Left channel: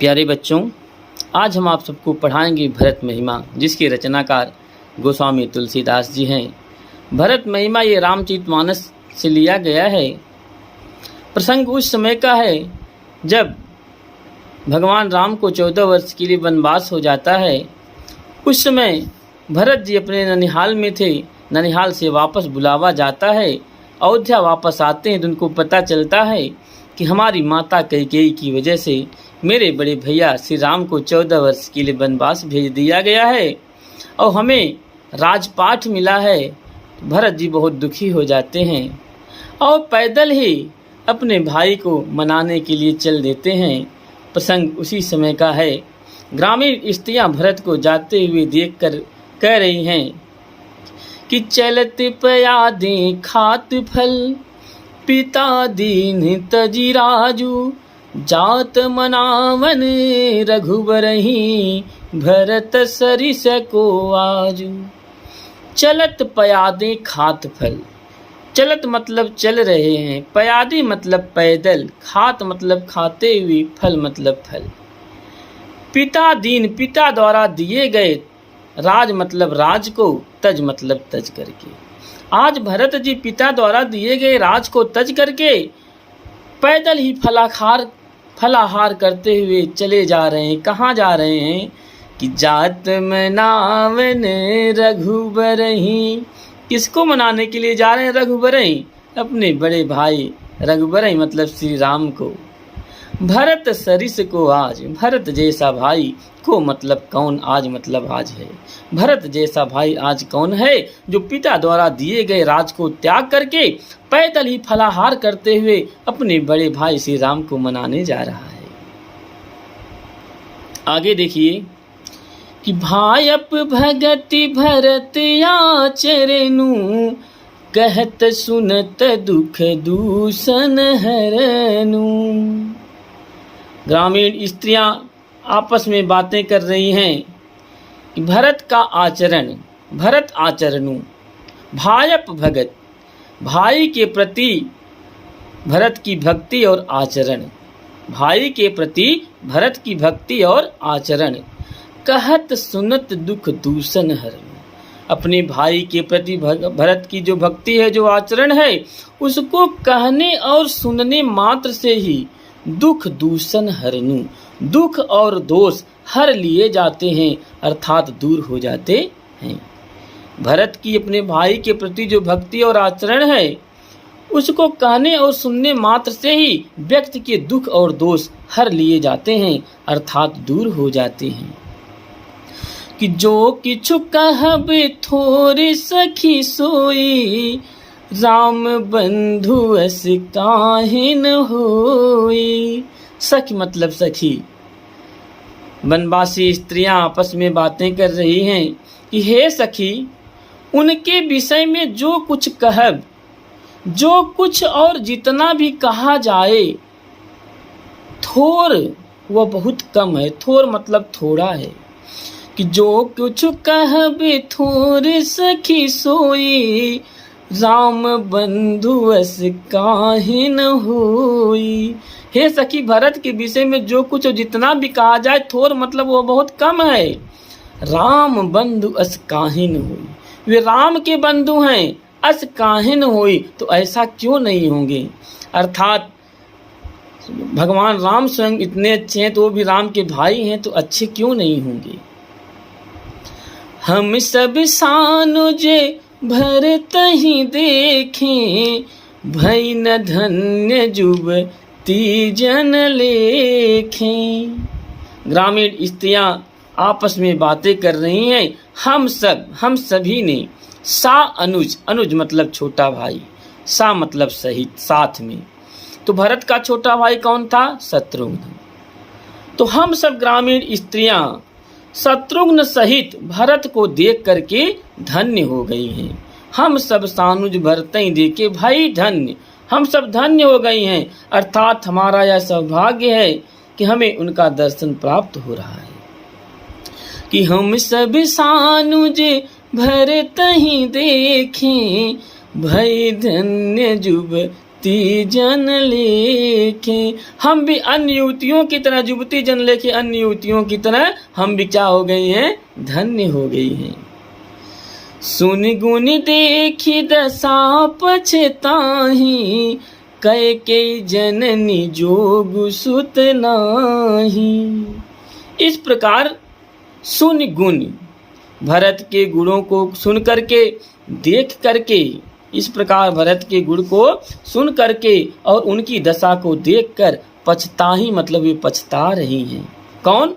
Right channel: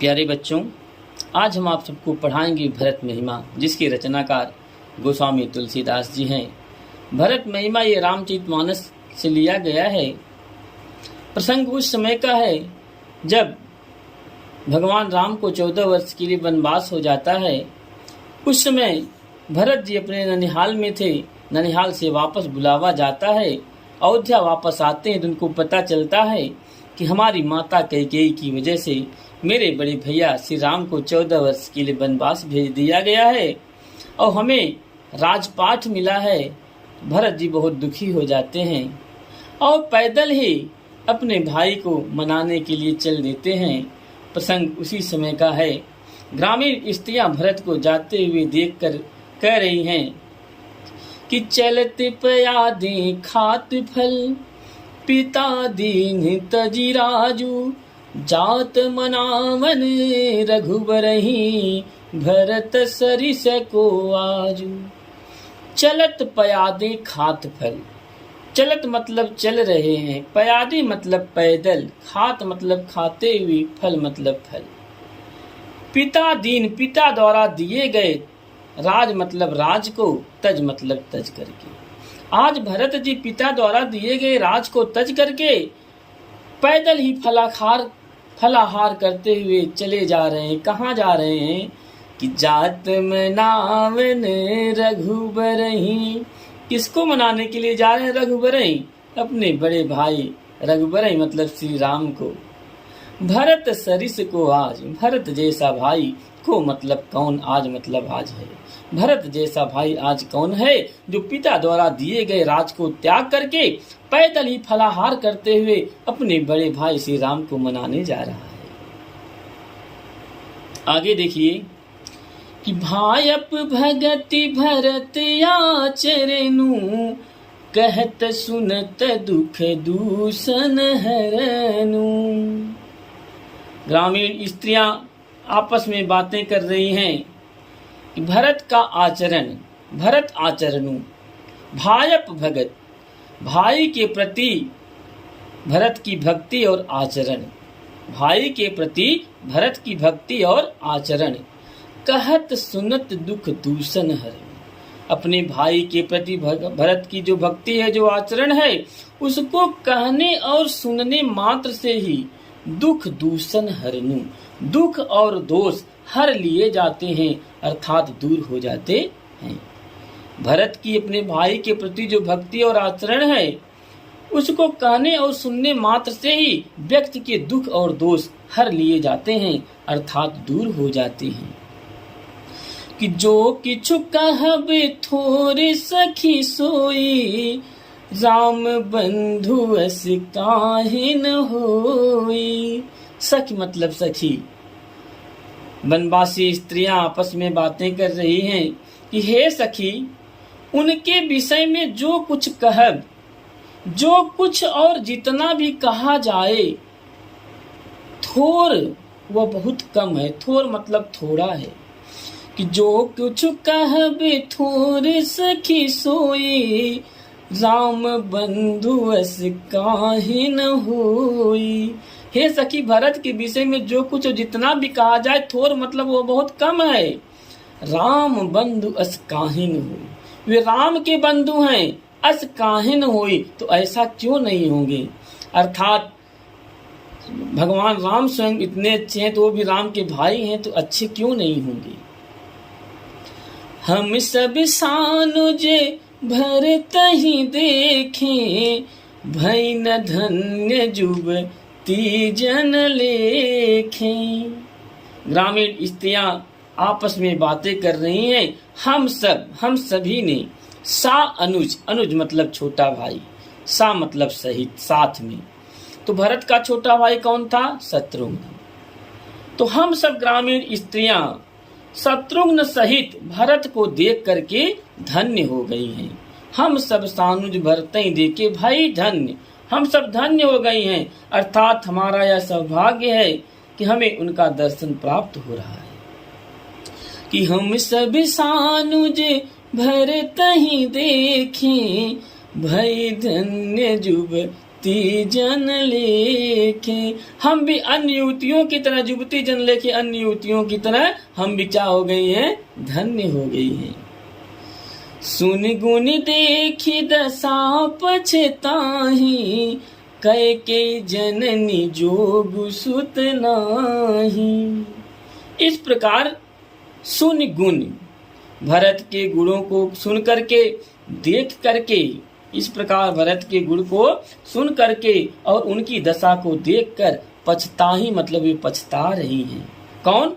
प्यारे बच्चों, आज हम आप सबको पढ़ाएंगे भरत महिमा, जिसके रचनाकार गोस्वामी तुलसीदास जी हैं। भरत महिमा ये रामचरितमानस से लिया गया है। प्रसंग उस समय का है जब भगवान राम को 14 वर्ष के लिए वनवास हो जाता है। उस समय भरत जी अपने ननिहाल में थे। ननिहाल से वापस बुलावा जाता है। अयोध्या वापस आते हैं तो उनको पता चलता है कि हमारी माता कैकेयी की वजह से मेरे बड़े भैया श्री राम को 14 वर्ष के लिए वनवास भेज दिया गया है और हमें राजपाट मिला है। भरत जी बहुत दुखी हो जाते हैं और पैदल ही अपने भाई को मनाने के लिए चल देते हैं। प्रसंग उसी समय का है। ग्रामीण स्त्रियां भरत को जाते हुए देखकर कह रही हैं कि चलत पयादे खात फल, पिता दीन तजी राजू, जात मनावन रघुबरही, भरत सरिस को आजू। चलत पयादे खात फल, चलत मतलब चल रहे हैं, पयादे मतलब पैदल, खात मतलब खाते हुए, फल मतलब फल। पिता दीन पिता द्वारा दिए गए, राज मतलब राज को, तज मतलब तज करके। आज भरत जी पिता द्वारा दिए गए राज को तज करके पैदल ही फलाहार करते हुए चले जा रहे हैं। कहाँ जा रहे हैं कि जात मनावन रघुबरही। किसको मनाने के लिए जा रहे हैं? रघुबरही, अपने बड़े भाई रघुबरही मतलब श्री राम को। भरत सरिस को आज, भरत जैसा भाई को मतलब कौन, आज मतलब आज है। भरत जैसा भाई आज कौन है जो पिता द्वारा दिए गए राज को त्याग करके पैदल ही फलाहार करते हुए अपने बड़े भाई श्री राम को मनाने जा रहा है। आगे देखिए कि भायप भगति भरत आचरनु, कहत सुनत दुख दूषण हरनु। ग्रामीण स्त्रियां आपस में बातें कर रही हैं कि भरत का आचरण, भरत आचरणु, भायप भगत, भाई के प्रति भरत की भक्ति और आचरण, भाई के प्रति भरत की भक्ति और आचरण। कहत सुनत दुख दूषण हरनु, अपने भाई के प्रति भरत की जो भक्ति है, जो आचरण है, उसको कहने और सुनने मात्र से ही दुख दूषण हरनु, दुख और दोष हर लिए जाते हैं, अर्थात दूर हो जाते हैं। भरत की अपने भाई के प्रति जो भक्ति और आचरण है, उसको कहने और सुनने मात्र से ही व्यक्ति के दुख और दोष हर लिए जाते हैं, अर्थात दूर हो जाते हैं। कि जो किछु कहब थोर सखी सोई, राम बंधु अस काहे न होई। सखी मतलब सखी। वनवासी स्त्रियां आपस में बातें कर रही हैं कि हे सखी, उनके विषय में जो कुछ कहब, जो कुछ और जितना भी कहा जाए, थोर वह बहुत कम है। थोर मतलब थोड़ा है। कि जो कुछ कहब थोर सखी सोई, राम बंधु अस काहे न होई। हे सखी, भरत के विषय में जो कुछ जितना भी कहा जाए, थोर मतलब वो बहुत कम है। राम बंधु अस काहे न होई, वे राम के बंधु हैं। अस काहे न होई, तो ऐसा क्यों नहीं होंगे। अर्थात भगवान राम स्वयं इतने अच्छे हैं तो वो भी राम के भाई हैं, तो अच्छे क्यों नहीं होंगे। हम सब सानुजे भरत ही देखें, भई न धन्य जुबती जन लेखें। ग्रामीण स्त्रियां आपस में बातें कर रही हैं। हम सभी ने, सा अनुज, अनुज मतलब छोटा भाई, सा मतलब सहित, साथ में। तो भरत का छोटा भाई कौन था? शत्रुघ्न। तो हम सब ग्रामीण स्त्रियां शत्रुघ्न सहित भरत को देख करके धन्य हो गई हैं। हम सब सानुज भरत ही देखे भाई धन्य, हम सब धन्य हो गई हैं। अर्थात हमारा यह सौभाग्य है कि हमें उनका दर्शन प्राप्त हो रहा है। कि हम सब सानुज भरत ही देखें, भई धन्य जुबती जन लेखें। लेके हम भी अन्य युवतियों की तरह, युवती जन लेके अन्य युवतियों की तरह हम भी क्या हो गई हैं, धन्य हो गई हैं। सुन गुण देखी दशा पछताही, कैकेयी जननी जोग सुत नाही। इस प्रकार सुन गुण, भरत के गुणों को सुन करके, देख करके, इस प्रकार भरत के गुण को सुन करके और उनकी दशा को देखकर पछताही, मतलब ये पछता रही हैं। कौन?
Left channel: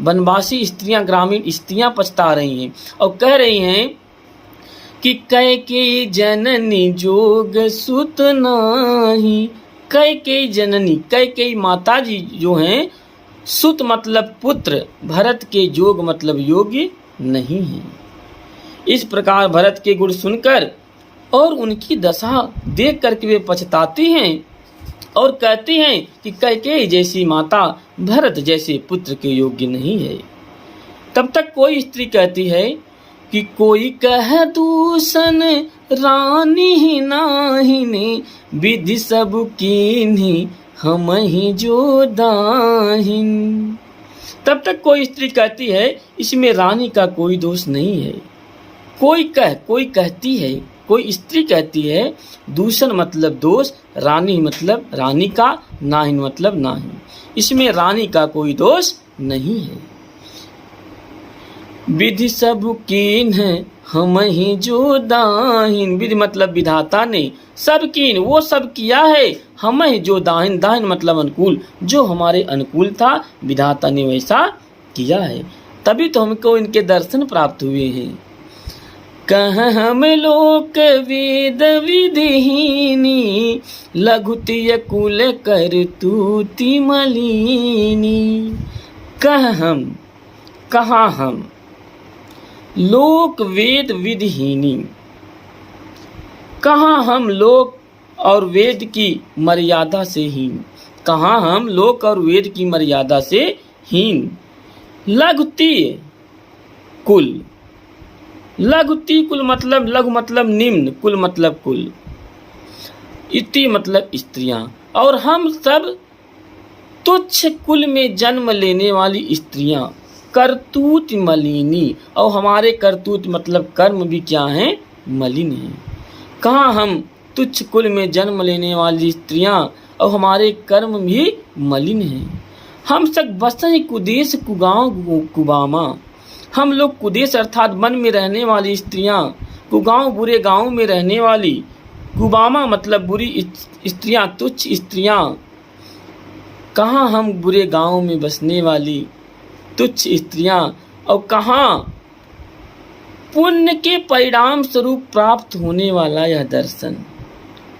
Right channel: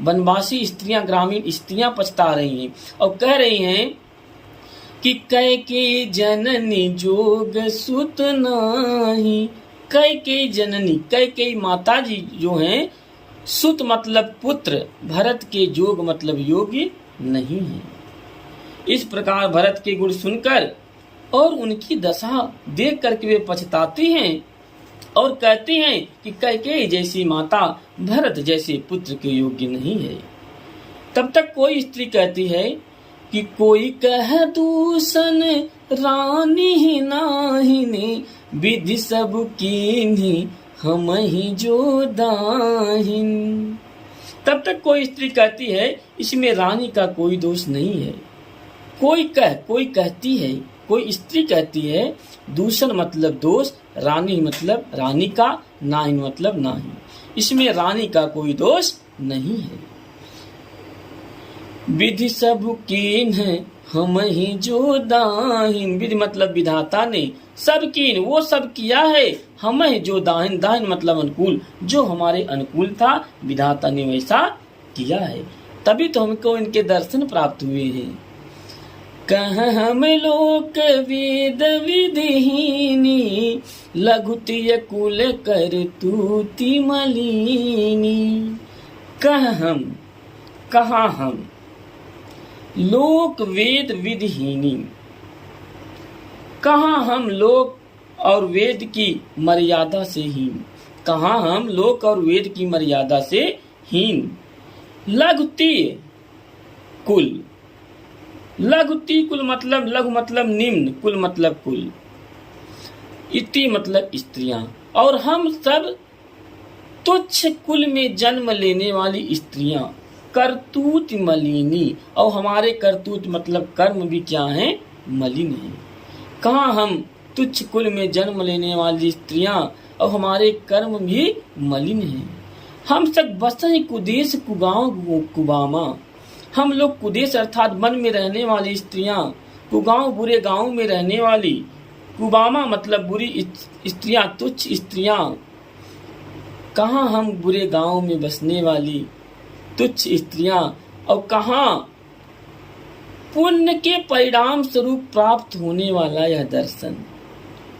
वनवासी स्त्रियां, ग्रामीण स्त्रियां पछता रही हैं और कह रही हैं कि कैकेयी जननी जोग सुत नाही। कैकेयी जननी, कैकेयी माता जी जो हैं, सुत मतलब पुत्र, भरत के जोग मतलब योग्य नहीं है। इस प्रकार भरत के गुण सुनकर और उनकी दशा देख करके वे पछताती हैं और कहती हैं कि कैकेयी जैसी माता भरत जैसे पुत्र के योग्य नहीं है। तब तक कोई स्त्री कहती है कि कोई कह दूषण रानी नाहिनी, विधि सब कीन्ही हम ही जो दाहिन। तब तक कोई स्त्री कहती है इसमें रानी का कोई दोष नहीं है। कोई कहती है, कोई स्त्री कहती है, दूषण मतलब दोष, रानी मतलब रानी का, नाहिन मतलब नाहिन, इसमें रानी का कोई दोष नहीं है। विधि सब कीन है हम ही जो दाहिन, विधि मतलब विधाता ने, सब कीन वो सब किया है, हम ही जो दाहिन, दाहिन मतलब अनुकूल, जो हमारे अनुकूल था विधाता ने वैसा किया है, तभी तो हमको इनके दर्शन प्राप्त हुए हैं। कह हम लोक वेद विधिहीनी, लघुतिय कुल कर तूति मलिनी। कहाँ हम लोक वेद विधिहीनी, कहाँ हम लोक और वेद की मर्यादा से हीन, कहाँ हम लोक और वेद की मर्यादा से हीन। लघुतिय कुल, लघुति कुल मतलब, लघु मतलब निम्न, कुल मतलब कुल, इति मतलब स्त्रियां, और हम सब तुच्छ कुल में जन्म लेने वाली स्त्रियां, करतूत मलिनी, और हमारे करतूत मतलब कर्म भी क्या हैं, मलिन हैं। कहाँ हम तुच्छ कुल में जन्म लेने वाली स्त्रियां और हमारे कर्म भी मलिन हैं। हम सब बसें कुदेश कुगांव कुबामा, हम लोग कुदेश अर्थात वन में रहने वाली स्त्रियां, कुगांव बुरे गांव में रहने वाली, कुबामा मतलब बुरी स्त्रियां, तुच्छ स्त्रियां। कहाँ हम बुरे गांव में बसने वाली तुच्छ स्त्रियां, और कहाँ पुण्य के परिणाम स्वरूप प्राप्त होने वाला यह दर्शन।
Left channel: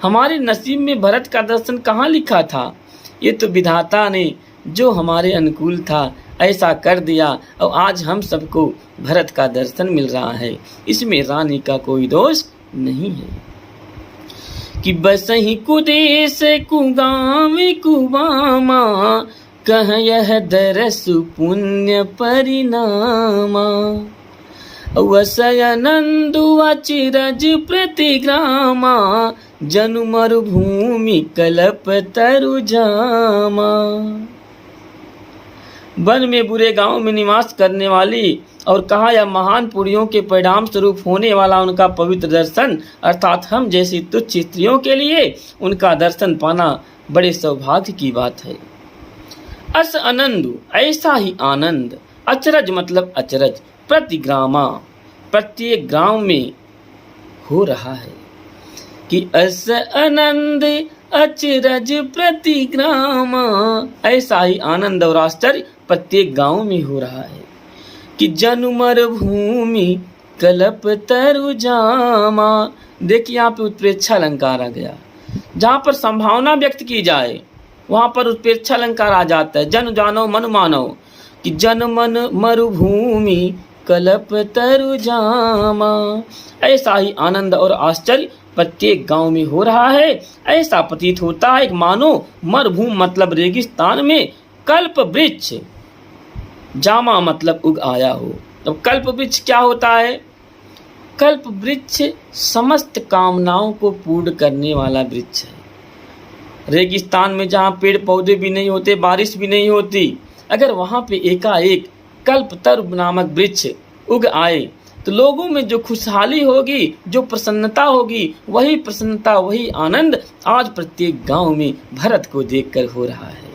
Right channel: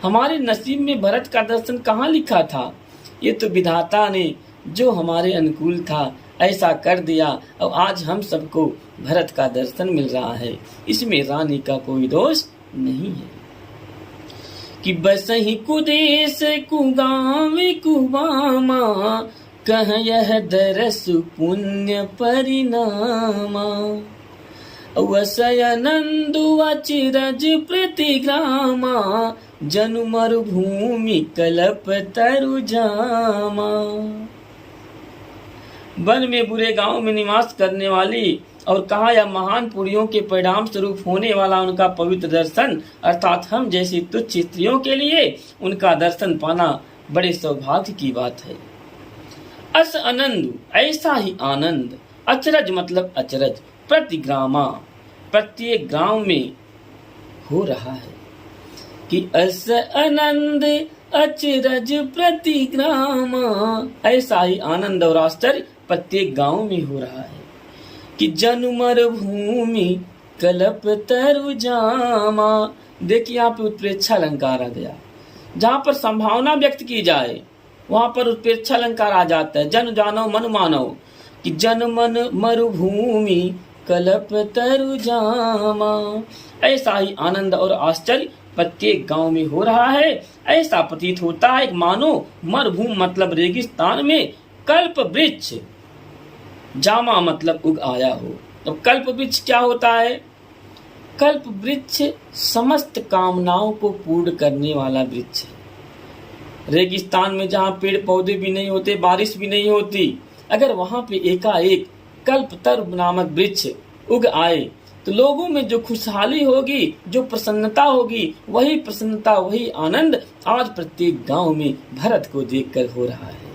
हमारे नसीब में भरत का दर्शन कहाँ लिखा था? ये तो विधाता ने जो हमारे अनुकूल था ऐसा कर दिया, और आज हम सबको भरत का दर्शन मिल रहा है। इसमें रानी का कोई दोष नहीं है। कि बसहि कुदेश कुगांव कुबामा, कह यह दरस पुण्य परिणामा। वसयनंदु अचिरज प्रतिग्रामा, जनु मरुभूमि कल्प तरु जामा। वन में बुरे गांव में निवास करने वाली, और कहा यह महान पुण्यों के परिणाम स्वरूप होने वाला उनका पवित्र दर्शन, अर्थात हम जैसी तुच्छ स्त्रियों के लिए उनका दर्शन पाना बड़े सौभाग्य की बात है। अस आनंद, ऐसा ही आनंद, अचरज मतलब अचरज, प्रतिग्रामा प्रत्येक गांव में हो रहा है। कि अस आनंद अचरज प्रतिग्रामा, ऐसा ही आनंद और आश्चर्य प्रत्येक गांव में हो रहा है। कि जनु मरुभूमि कल्प तरु जामा, देखिए यहाँ पे उत्प्रेक्षा अलंकार आ गया। जहाँ पर संभावना व्यक्त की जाए वहां पर उत्प्रेक्षा अलंकार आ जाता है। जन जानो मन मानो, कि जन मन मरुभूमि कल्प तरु जामा, ऐसा ही आनंद और आश्चर्य प्रत्येक गांव में हो रहा है। ऐसा प्रतीत होता है मानो मरुभूमि मतलब रेगिस्तान में कल्प वृक्ष, जामा मतलब उग आया हो। अब कल्प वृक्ष क्या होता है? कल्प वृक्ष समस्त कामनाओं को पूर्ण करने वाला वृक्ष है। रेगिस्तान में जहाँ पेड़ पौधे भी नहीं होते, बारिश भी नहीं होती, अगर वहाँ पे एकाएक कल्पतरु नामक वृक्ष उग आए तो लोगों में जो खुशहाली होगी, जो प्रसन्नता होगी, वही प्रसन्नता, वही आनंद आज प्रत्येक गांव में भरत को देखकर हो रहा है।